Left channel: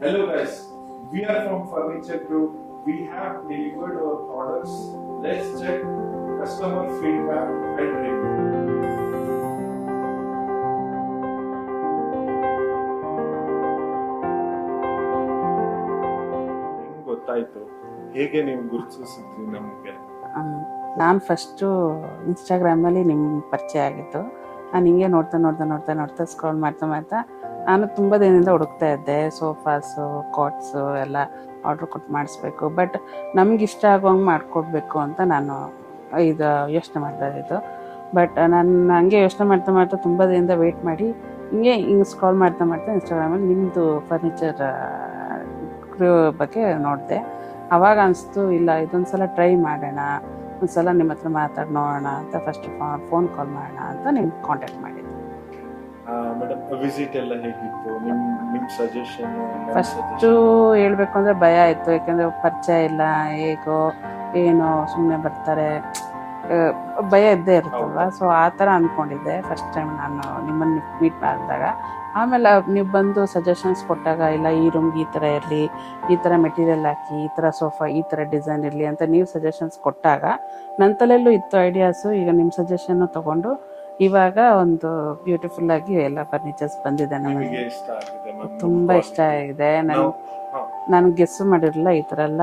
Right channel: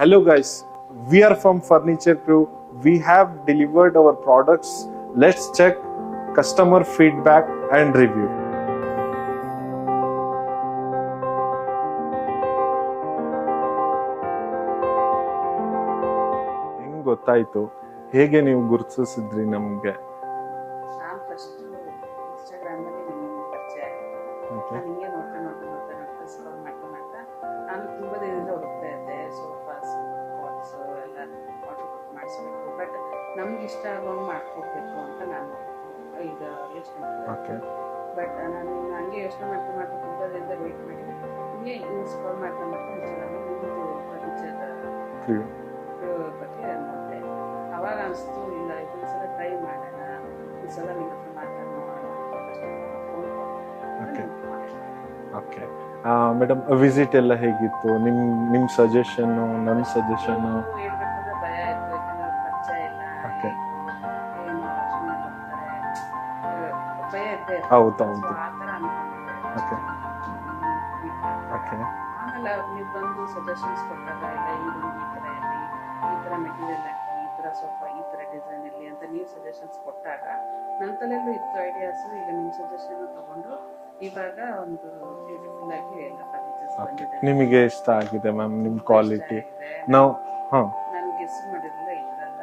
Hello guys, we are from Furniture Crew. We have delivered our products. Let's check customer feedback and review. ಹೆಂಗ್ ಗೊತ್ತಾಯ್ತು, ಹೇಗೆ ನೀವು ಗುರುತಿಸಿದ್ರಿ ನಮ್ಗೆ? ನಾನು ಫಸ್ಟು ಇನ್ಸ್ಟಾಗ್ರಾಮಲ್ಲಿ ನಿಮ್ಮ ಪರಿಚಯ ಆಗಿತ್ತು. ನಾನು ಹಿಂಗೆ ನೋಡ್ತಾ ಸ್ಕ್ರೋಲ್ ಮಾಡ್ತಾ ನಾನು ತುಂಬ ದಿನದಿಂದ ಹುಡುಕ್ತಾ ಇದ್ದೆ. ಸೋಫಾಸು, ಕಾಟ್ಸು ಎಲ್ಲ ಆರ್ಡ್ರ್ ಕೊಟ್ಟು ಮಾಡಿಸ್ಬೇಕು, ಬಟ್ ನಮ್ಗೆ ಇಷ್ಟ ಆಗೋಂಗೆ ಮಾಡಿಕೊಡ್ಬೇಕು ಅಂತ ನಾನು ಇದು ಯೋಚನೆ ಮಾಡ್ತಾ ಇದ್ದಿದ್ದು. ಬಟ್ ನಾನು ಹಂಗೆ ಯೋಚನೆ ಮಾಡ್ತಾ ತುಂಬ ದಿನದಿಂದ ವೆಯ್ಟ್ ಮಾಡಿ ಹಿಂಗೆ ಸ್ಕ್ರೋಲ್ ಮಾಡ್ತಾ ಇನ್ಸ್ಟಾಗ್ರಾಮಲ್ಲಿ ನಿಮ್ಮದು ಫರ್ನಿಚರ್ ಬಗ್ಗೆ ನೋಡಿದೆ. ಆವಾಗ ಅನಿಸ್ತು, ಇಲ್ಲ ಇದೊಂದು ಸಲ ಟ್ರೈ ಮಾಡೋಣ, ಒಂದು ಸಲ ನಿಮ್ಮ ಹತ್ರ ಮಾತಾಡಿ ನೋಡೋಣ ಅಂತ ಫಸ್ಟ್ ಫೋನ್ ಕಾಲ್ ಮಾಡೋಣ ಅಂತ ನಿಮ್ಗೆ ಕಾಂಟ್ಯಾಕ್ಟ್ ಮಾಡಿದ್ದೆ. ಓಕೆ ಮೇಡಮ್, ವಿಸಿಟ್ ಎಲ್ಲ ಹೇಗಿತ್ತು? ನಿಮ್ಮ ಸಜೆಷನ್? ಫಸ್ಟು ಹೇಳ್ಬೇಕು ಅಂದರೆ ಭಯ ಆಯಿತು, ಯಾಕೆಂದರೆ ಪರಿಚಯ ಇಲ್ಲ, ಹೇಗೋ ಏನೋ ಸುಮ್ಮನೆ ಬರ್ತಾರೆ, ಭಯ ಇದ್ದೇ ಇರ್ತಲ್ಲ. ಸೊ ಆ ಥರ ಅಂದ್ಕೊಂಡಿದ್ದೆ ಫಸ್ಟ್ ಟೈಮ್ ನಾನು ನಿಮ್ಮನ್ನು ಮೀಟ್ ಮಾಡಿದಾಗ. ಆಮೇಲೆ ನೀವು ಬಂದು ಸಜೆಷನ್ಸ್ ಕೊಟ್ಟಾಗ, ಇಲ್ಲ ಈ ರೂಮ್ಗೆ ಈ ಥರ ಇರಲಿ, ಈ ಥರ ಮೆಟೀರಿಯಲ್ ಹಾಕಿ, ಈ ಥರ ಸೋಫಾ ಈ ಥರ ಡಿಸೈನ್ ಇರಲಿ ಅಂತ ನೀವು ಸಜೆಷನ್ಸ್ ಕೊಟ್ಟಾಗ ನನ್ನ ತಲೆಯಲ್ಲೂ ಇತ್ತು ಐಡಿಯಾಸು. ಈಗ ನಿಮ್ಮ ಸಜೆಷನ್ನು ತೊಗೊಂಡು ಇವಾಗ ಒಂದು ಬ್ಯೂಟಿಫುಲ್ ಆಗಿ ಎಲ್ಲ ಫರ್ನಿಚರ್ಸ್ ಬಂದಿದೆ. ನಿಮಗೆ ಇಷ್ಟ ಆಗಿದೆ ಮ್ಯಾಮ್? ತುಂಬಾ ಇಷ್ಟ ಆಗಿದೆ. ನಾನು ಗೆಸ್ ಮಾಡಿರಲಿಲ್ಲ ಈ ಥರ ಎಲ್ಲ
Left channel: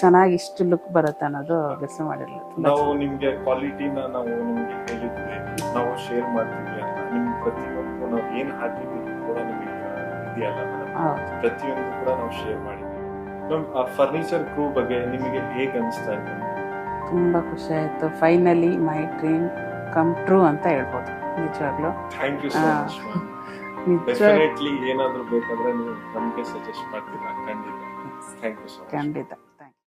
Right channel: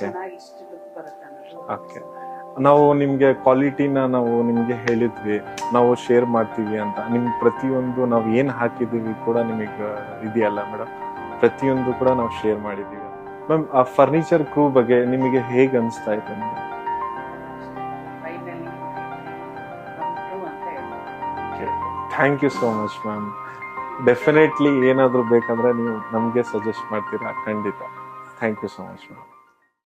ಚೆನ್ನಾಗಿ ಇಷ್ಟು ಲುಕ್ ಬರುತ್ತೆ ಅನ್ನೋದು ಗೆಸ್ ಮಾಡಿರಲಿಲ್ಲ. ನಾವು ನಿಮ್ಗೆ ಕ್ವಾಲಿಟಿನ ನಾವು ನಿಮ್ಗೆ ಹೇಳಿದ್ವಿ, ನಾವು ಶೇರ್ ಮಾಡ್ತೀವಿ ಅಂತ. ನಿಮ್ ಪ್ರತಿಯೊಂದು ನಾವು ಏನ್ ಹಾಕಿದೀವಿ ಕೂಡ ನಿಮಗೆ ಇದೆಯಲ್ಲ ಮೇಡಮ್, ಪ್ರತಿಯೊಂದು ಕೂಡ ನಾವು ಶೇರ್ ಮಾಡಿದೀವಿ. ಮ್ಯಾಮ್, ಆ ಫರ್ನಿಚರ್ ಕ್ರೂ ಬಗ್ಗೆ ನಿಮಗೆ ಹೇಗೆ ಅನಿಸ್ತಾ ಇದೆ? ತುಂಬಾ ಖುಷಿ ಆಯ್ತು. Finally my dream come true ಅಂತ ಹೇಳ್ಬೋದು ನಿಜವಾಗ್ಲೂ. Thank you so much ma'am. Definitely ಏನಾದ್ರು ಬೇಕಂದ್ರೆ ನೀವು ನಮ್ಗೆ ಸಜೆಸ್ಟ್ ಮಾಡ್ತೀರಾ? ಖಂಡಿತ. Thank you so much. ಖಂಡಿತ.